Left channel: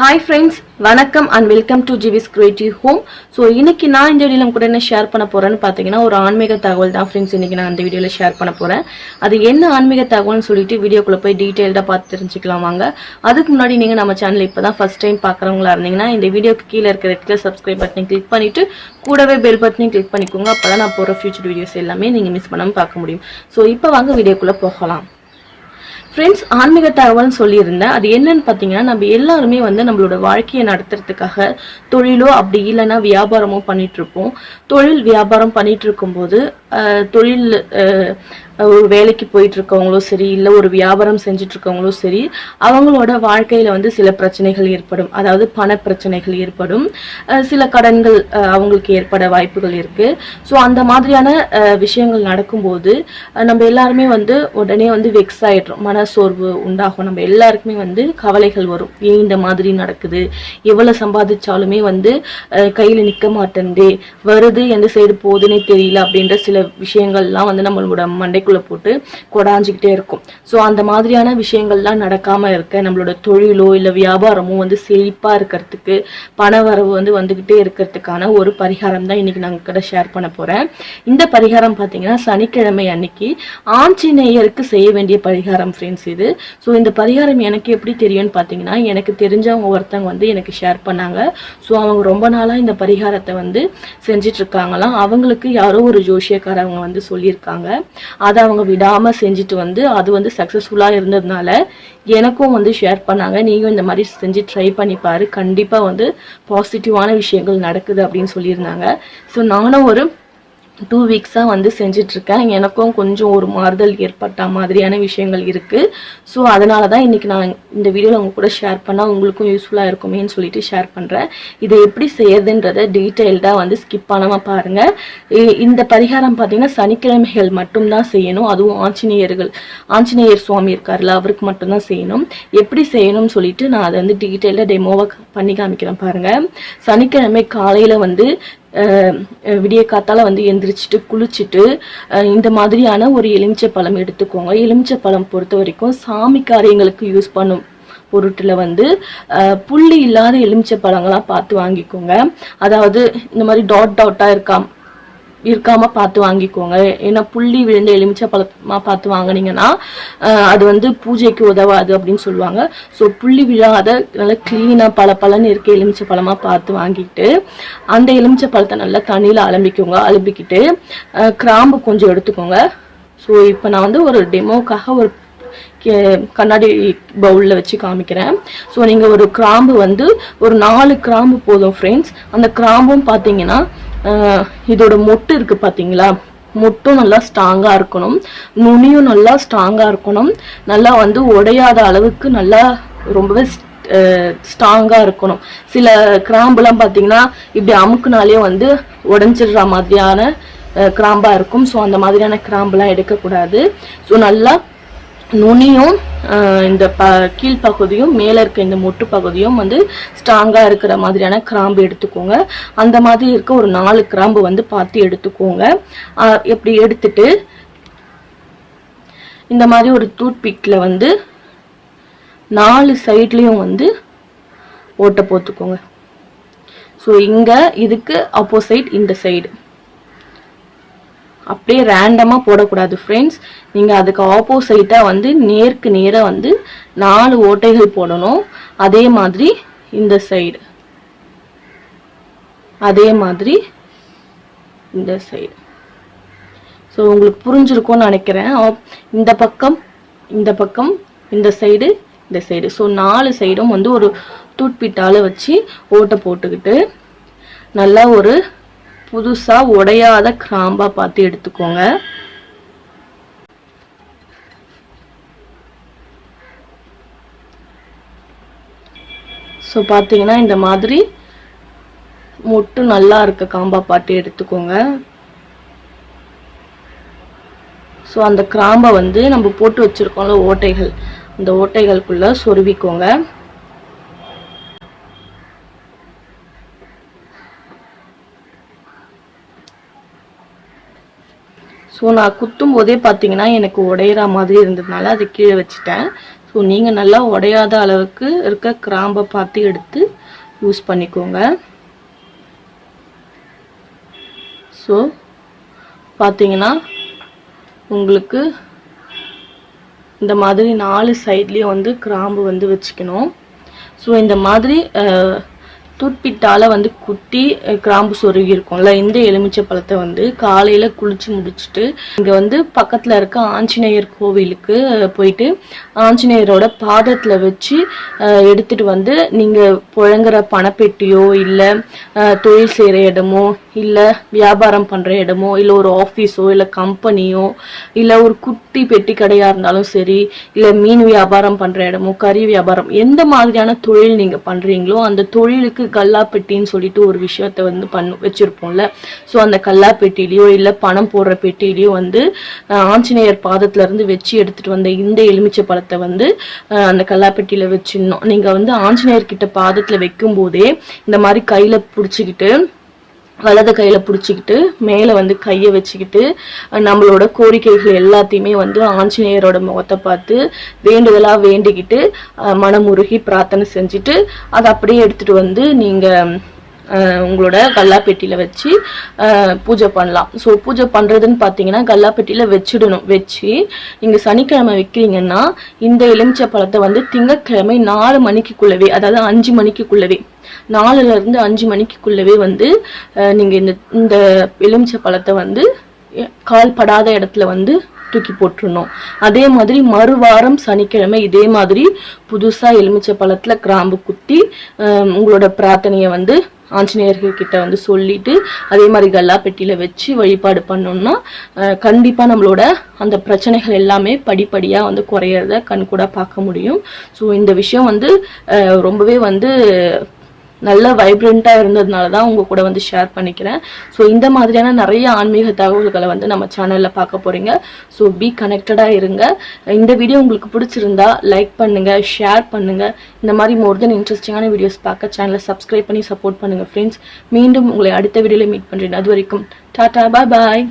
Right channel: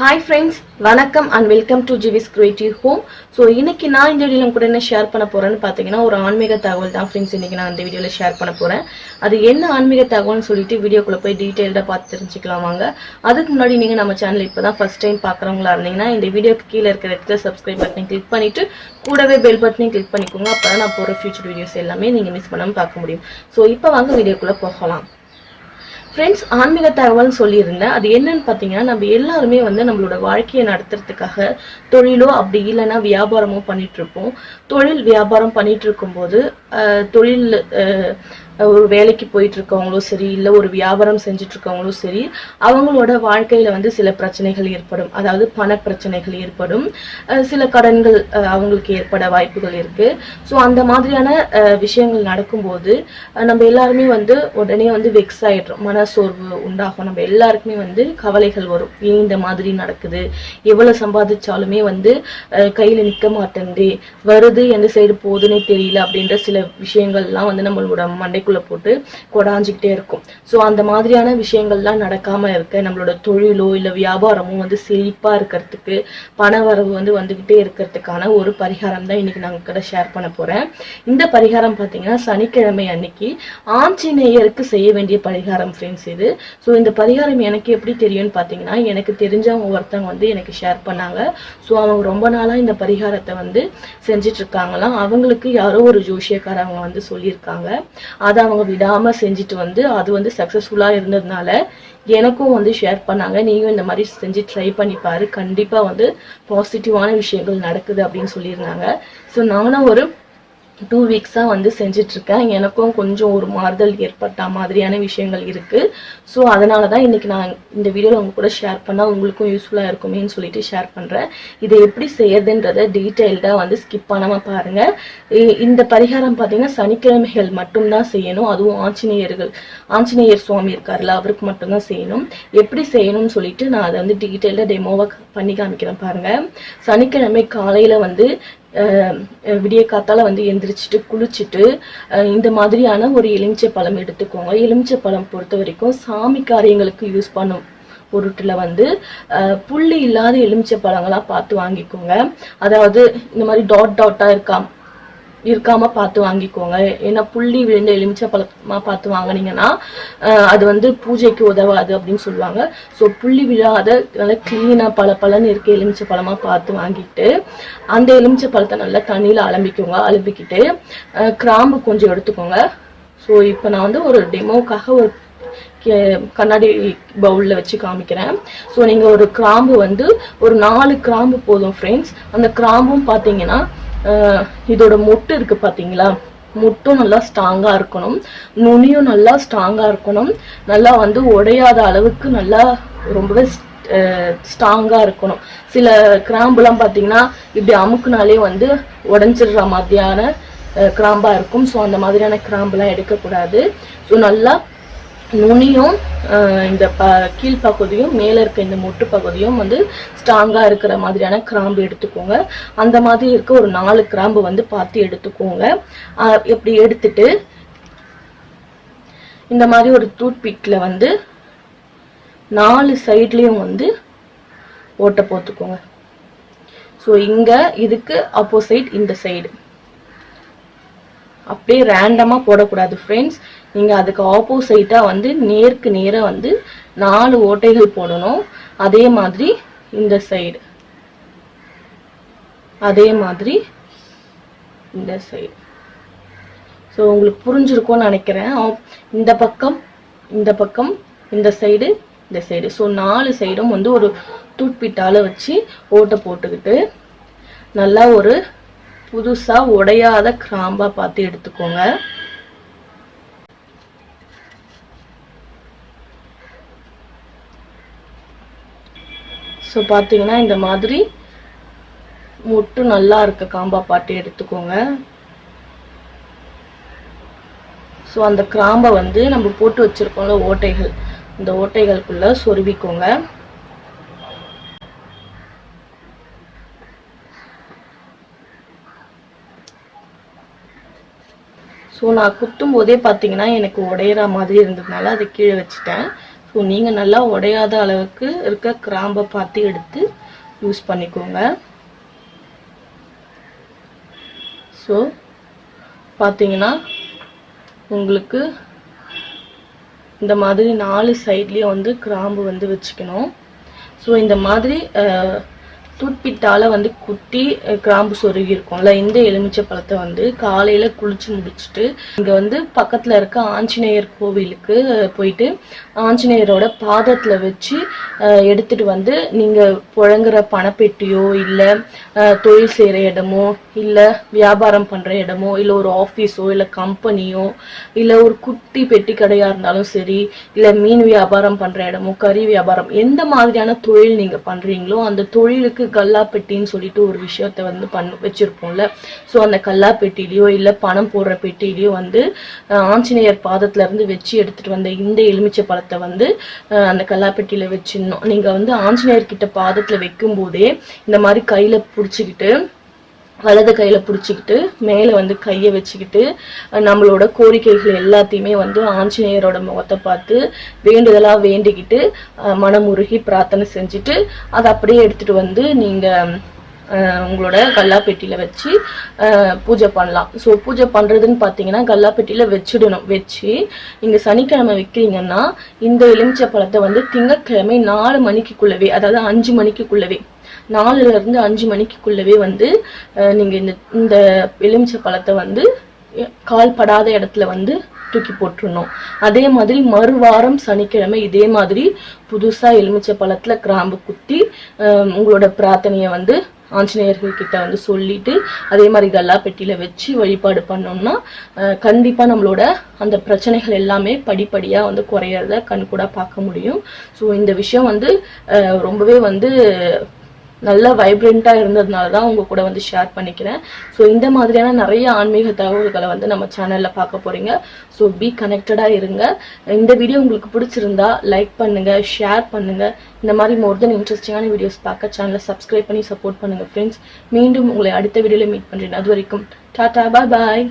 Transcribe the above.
Hi friends, வணக்கம் and welcome to GV's Creative Home. So இன்னைக்கு நான் இந்த வீடியோல கூட என்ன ஷேர் பண்ண போறேன்னு பாத்தீங்கன்னா ஒரு ஆன்மீக தகவல் தான் फ्रेंड्स. இன்னைக்கு நான் இந்த வீடியோல ஷேர் பண்ண போறேன். அது என்ன ஆன்மீக தகவல்னு சொல்லிட்டு வீடியோக்குள்ள போய் டீடைலா பார்த்து தெரிஞ்சுக்கலாம் வாங்க. அதுக்கு முன்னாடி நீங்க நம்ம சேனலை இப்பதான் ஃபர்ஸ்ட் டைம் பார்க்கறவங்களா இருந்தீங்கன்னா இந்த வீடியோக்கு கீழ இருக்கிற ரெட் கலர் சப்ஸ்கிரைப் பட்டனை கிளிக் பண்ணிட்டு கூடவே பெல் பட்டனையும் கிளிக் பண்ணிக்கோங்க. அப்பதான் நான் போற ஃபியூச்சர் வீடியோஸ் எல்லாமே நீங்க மிஸ் பண்ணாம பார்க்க முடியும். சோ இப்போ வாங்க வீடியோக்குள்ள போகலாம். ஃப்ரெண்ட்ஸ், ஆன்மீக தகவல்னு சொல்லியிருந்தேன். அது என்னன்னு பார்த்தீங்கன்னா, நம்ம எல்லாருமே நம்மளோட வாழ்க்கையை நடத்துறதுக்காக தொழிலோ அப்படி இல்லைன்னா வியாபாரமோ பண்ணிட்டு இருப்போம். தொழில் வியாபாரம் பண்ணிட்டு இருக்கும்போது தொழில் ஒரு வேலைக்கு போயிட்டு இருக்கவங்களோ சரி, இல்லை ஒரு வியாபாரம் செஞ்சுட்டு இருக்கவங்களோ சரி, அவங்களோட வாழ்க்கையில சில பிரச்சனைகள் ஏற்படும். அதாவது பண பிரச்சனைகள் ஏற்படும், சில கடன்கள் அவங்களுக்கு ஏற்பட வாய்ப்புகள் இருக்கு. ஸோ அந்த மாதிரியான விஷயங்கள் நடக்கும்போது நம்ம எல்லாருமே உடனே வெக்ஸ் ஆயிடுறோம், மனசோர்வு உண்டாகும். நம்ம எல்லாருக்குமே கவலைகள் வரும். ஏன் இந்த மாதிரி நடக்குது, எவ்வளவு சம்பாதிச்சாலுமே கையில நிக்க மாட்டேந்தே, வருது எந்த சைடு போகுதுன்னே தெரியல அப்படின்ற சில விஷயங்கள்லாம் நம்மளோட மண்டைக்குள்ள போட்டு கொடாஞ்சிக்கிட்டே இருக்கும். ஸோ அந்த மாதிரியான விஷயங்கள்லாம் நடக்காம இருக்க, நம்மளோட தொழிலோ இல்ல வியாபாரமோ செழிப்பா இருக்கிறதுக்கு, பண வரவு வந்துகிட்டே இருக்கிறதுக்கான ஒரு பரிகாரம் தான் இன்னைக்கு நாங்க கூட ஷேர் பண்ண போறேன். இந்த பரிகாரம் பாத்தீங்கன்னா சனிக்கிழமை அன்னைக்கு ஆஞ்சநேயருக்கு செய்ய வேண்டிய பரிகாரம் ஃப்ரெண்ட்ஸ் இது. ஸோ இந்த பரிகாரம் எனக்கு எப்படி தெரியும்னு பாத்தீங்கன்னா, எனக்கு தெரிஞ்சவங்க ஒருத்தவங்க எனக்கு ஷேர் பண்ணாங்க. ஸோ அவங்க ரொம்ப நாளா இந்த பரிகாரத்தை செஞ்சிட்டு இருக்காங்களாம். அவங்களுக்கு யாரோ ஒரு ஜோசியக்காரவங்க சொல்லியிருக்காங்க. அதை அவங்க விடாம செஞ்சுட்டு அது சக்சஸ்ஃபுல்லா இருந்ததுனால எனக்கும் ஷேர் பண்ணாங்க. நீயும் இந்த மாதிரி செஞ்சு ட்ரை பண்ணி பாரு, கண்டிப்பா பாசிட்டிவான விஷயங்கள் நடக்குது அப்படின்னு சொல்லியிருந்தாங்க. ஸோ நானும் ஒரு 2 வீக்ஸா செஞ்சுட்டு இருக்கேன். எனக்கும் கொஞ்சம் ஒரு மாறுதல் ஏற்பட்ட மாதிரியான விஷயங்கள் இருக்கு. ஸோ அதனாலதான் இன்னைக்கு நான் இந்த வீடியோல உங்க கூட ஷேர் பண்ணா உங்களுக்கும் யூஸ்ஃபுல்லா இருக்குமேன்னு சொல்லிட்டு ஷேர் பண்றேன். இதை எப்படி செய்யறதுன்றத டீட்டெயில்டா ஸ்கிப் பண்ணாம பாருங்க. இந்த பரிகாரம் பாத்தீங்கன்னா சனிக்கிழமைகள் மட்டும்தான் செய்யணும். அதுவும் ஆஞ்சநேயர் சுவாமி இருக்காருல்ல, அவருக்கு மட்டும்தான் செய்யணும். எப்படி செய்யணும்னு சொல்லிட்டு நான் அதை டீட்டெயிலா டெமோவை பண்ணி காமிக்கிறேன் பாருங்க. சனிக்கிழமை காலையில விடிய காத்தால எந்திரிச்சிட்டு குளிச்சுட்டு இந்த மாதிரியான ஒரு எலுமிச்சை பழம் எடுத்துக்கோங்க. எலுமிச்சை பழம் பொறுத்த வரைக்கும் சாமி காரியங்களுக்கு யூஸ் பண்ணும் பொருட்டுல புள்ளி இல்லாத எலுமிச்சை பழங்களா பார்த்து வாங்கிக்கோங்க. அதாவது இந்த மாதிரி டாட்டா இருக்காம பார்த்து வாங்கிக்கோங்க. ஏன்னா புள்ளி விழுந்த எலுமிச்சை பழமா பார்த்து வாங்கினீங்கன்னா அது பூஜைக்கு உதவாது அப்படின்னு சொல்லுவாங்க. ஸோ புள்ளி விழாத நல்லா கிளீனா பழன்னு இருக்க எலுமிச்சை பழமா பார்த்து வாங்கிட்டு அந்த எலுமிச்சை பழத்தை நல்லா தண்ணியில அலம்பிக்கிட்டு கிராம்பு கொஞ்சம் எடுத்துக்கோங்க. ஸோ இப்போ நான் ஒரு டெமோக்காக ஒரு கண்ணாடி பவுல்ல வச்சு காமிக்கிறேன். ஸோ நீங்க ஒரு கிராம்பு ஒரு 4 கிராம்பு போதும் ஃப்ரெண்ட்ஸ். அந்த கிராம்பும் பாத்தீங்கன்னா இதோட மொட்டு இருக்கு பாத்தீங்களா, மொட்டும் நல்லா ஸ்ட்ராங்கா இருக்கணும், நுனியும் நல்லா ஸ்ட்ராங்கா இருக்கணும், நல்லா உடையாத அளவுக்கு நல்லா ரொம்பவே ஸ்ட்ராங்கா இருக்கணும். சில கிராம்புலாம் பாத்தீங்கன்னா இப்படி அமுக்குனாலே உடைஞ்சிடுற மாதிரியான கிராம்பா இருக்கும். ஸோ அந்த மாதிரியான கிராம்புலாம் எடுக்கக்கூடாது. ஸோ நல்லா நுனியும் இந்த கீழ்ப்பகுதியும் மேல இருக்க இந்த மொட்டு பகுதியும் ஸ்ட்ராங்கா இருக்கிற மாதிரியான கிராம்பு எடுத்துக்கோங்க. அந்த மாதிரி இருக்க ஒரு 4 கிராம்பு பார்த்து எடுத்துக்கோங்க. எப்படி எடுத்துட்டு இந்த மாதிரி ஒரு டூத் பிக்ல 4 சைட்லயும் ஓட்டை போட்டுக்கோங்க. ஸோ இங்க இதுக்கு ஆப்போசிட் இந்த சைடு அப்படியே ரேண்டமா போடக்கூடாது ஃப்ரெண்ட்ஸ். நீங்க அதுக்கு ஆப்போசிட்டா நேருக்கு நேரா 4 ஓட்டைகள் போடணும். அதே மாதிரி இந்த சைடு, அதே மாதிரி இந்த சைடு. ஸோ உங்களுக்கு புரிஞ்சிருக்கும்னு நினைக்கிறேன். இந்த பக்கம் இந்த பக்கம், இந்த சைடு இந்த சைடு. ஸோ 4 சைடும் ஒரு டூத்பிக்கால வச்சு ஓட்டை போட்டுக்கிட்டு நல்லா ஒரு புதுசா உடையாத கிராம்பா பார்த்து எடுத்துக்கோங்க. ஸோ பார்த்தீங்கன்னா இந்த மாதிரி மொட்டு நல்லா இருக்க காம்பா பார்த்து எடுத்துக்கோங்க. ஸோ அந்த கிராம்பை நம்ம போட்டு வச்சிருக்கோம்ல ஓட்டைகள், அந்த ஓட்டைகளுக்குள்ள சொருவிக்கோங்க. ஸோ நான் குத்தும் போதே பார்த்தீங்கன்னா எனக்கு உடையிற மாதிரி இருந்ததுனால அதை கீழே வச்சுட்டேன். ஸோ நீங்கள் நல்லா உடையாத அளவுக்கு இருக்க கிராம்பை பார்த்து எடுத்து யூஸ் பண்ணிக்கோங்க. ஸோ பார்த்தீங்கன்னா உங்களுக்கு இந்த மாதிரி 4 சைட்லேயும் வந்து கிராம்பு வந்து வச்சுக்கணும். ஸோ இந்த மாதிரி தூட்பிட்டால வந்து குட்டி கிராம்பு சொருகி இருக்கும்ல, இந்த எலுமிச்சை பழத்தை வந்து காலையில குளிச்சு முடிச்சுட்டு இங்க வந்து பக்கத்துல இருக்க ஆஞ்சநேயர் கோவிலுக்கு போயிட்டு ஆஞ்சநேயரோட பாதத்துல வச்சு எடுத்துட்டு வந்து நீங்க புழங்குற பணப்பெட்டியோ இல்ல தொழில் செய்யற இடமோ இல்ல வியாபாரம் பண்ற இடமோ இல்ல ஒரு ஆபீஸோ இல்ல கம்பெனியோ இல்ல ஒரு குட்டி பெட்டி கடையா இருந்தாலும் சரி, இல்ல மீன் வியாபாரம் பண்ற இடமோ கறி வியாபாரம் எந்த மாதிரியான தொழில் நீங்க பண்றீங்களோ அந்த தொழிலுக்கு கல்லாப்பெட்டின்னு சொல்லிட்டு ஒரு விஷயத்த வந்து வச்சிருப்போம்ல. ஸோ அந்த கல்லாப்பெட்டிலையோ இல்ல பணம் போடுற பெட்டிலையோ வந்து ஆஞ்சநேயர் பாதத்துல இருந்து வச்சு எடுத்துட்டு வந்த இந்த எலுமிச்சை பழத்தை வந்து அந்த கல்லாப்பெட்டியில வச்சிடணும். நீங்க வந்து ஆஞ்சநேயர் கிட்ட பாதத்துல வைக்கும் போதே இந்த மாதிரி கையில புடிச்சுக்கிட்டு வலது கையில புடிச்சுக்கிட்டு மேல வந்து கைய வச்சுக்கிட்டு நம்மளோட கோரிக்கைகள் எல்லாத்தையுமே வந்து ஆஞ்சநேயரோட முகத்தை பார்த்து வேண்டுதலா வேண்டிக்கிட்டு மனமுருகி பிரார்த்தனை செஞ்சுட்டு அதை அப்படியே எடுத்துட்டு வந்து நீங்க உங்களோட கல்லாப்பெட்டியில வச்சு பூஜை பண்ணலாம். ஸோ பூஜை பண்றதுன்னு பாத்தீங்கன்னா கல்லாப்பெட்டியில வச்சிடணும். வச்சு நீங்க சனிக்கிழமை வைக்கிறீங்கன்னா இந்த எலுமிச்சை பழத்தை வந்து திங்கட்கிழமை 4 மணிக்குள்ளவே, அதாவது 5 மணிக்குள்ளவே, 4ல இருந்து 5 மணிக்குள்ளவே வந்து நீங்க இந்த எலுமிச்சை பழத்தை வந்து கால் படாத இடத்துல வந்து தூக்கி போட்டுருணும். அதே மாதிரி மறுவாரம் சனிக்கிழமை இதே மாதிரி புதுசா எலுமிச்சை பழத்துல கிராம்பு குத்தி உங்களோட பிரார்த்தனைய வந்து ஆஞ்சநேயர்கள் கிட்ட வந்து சொல்லிட்டு அதே மாதிரி கல்லாப்பெட்டியில வச்சு வழிபாடு பண்ணோம்னா கண்டிப்பா நம்மளோட அந்த பிரச்சனைகள் எல்லாமே படிப்படியா வந்து குறையறத கண்கூட பார்க்க முடியும். ஸோ இந்த விஷயம் வந்து ரொம்பவே வந்து நல்ல வைப்ரண்டா இருந்ததுனாலதான் உங்க கூட வந்து ஷேர் பண்ணிக்கிறேன். ஸோ இந்த மாதிரியான நிறைய ஆன்மீக தகவல்களை வந்து நம்ம சேனல்ல பார்க்க போறீங்க. ஸோ பி கனெக்டடா இருங்க. இந்த வீடியோ உங்களுக்கு பிடிச்சிருந்தா லைக் பண்ணுங்க, ஷேர் பண்ணுங்க. இந்த மாதிரி மோர் தென் இன்ட்ரெஸ்டிங்கான வீடியோஸ் பார்க்க சேனலை சப்ஸ்கிரைப் பண்ணி சப்போர்ட் பண்ணுங்க ஃப்ரெண்ட்ஸ். மீண்டும் உங்களை அடுத்த வீடியோல மீட் பண்றேன். அது வரைக்கும் டாடா, பாய் பாய்.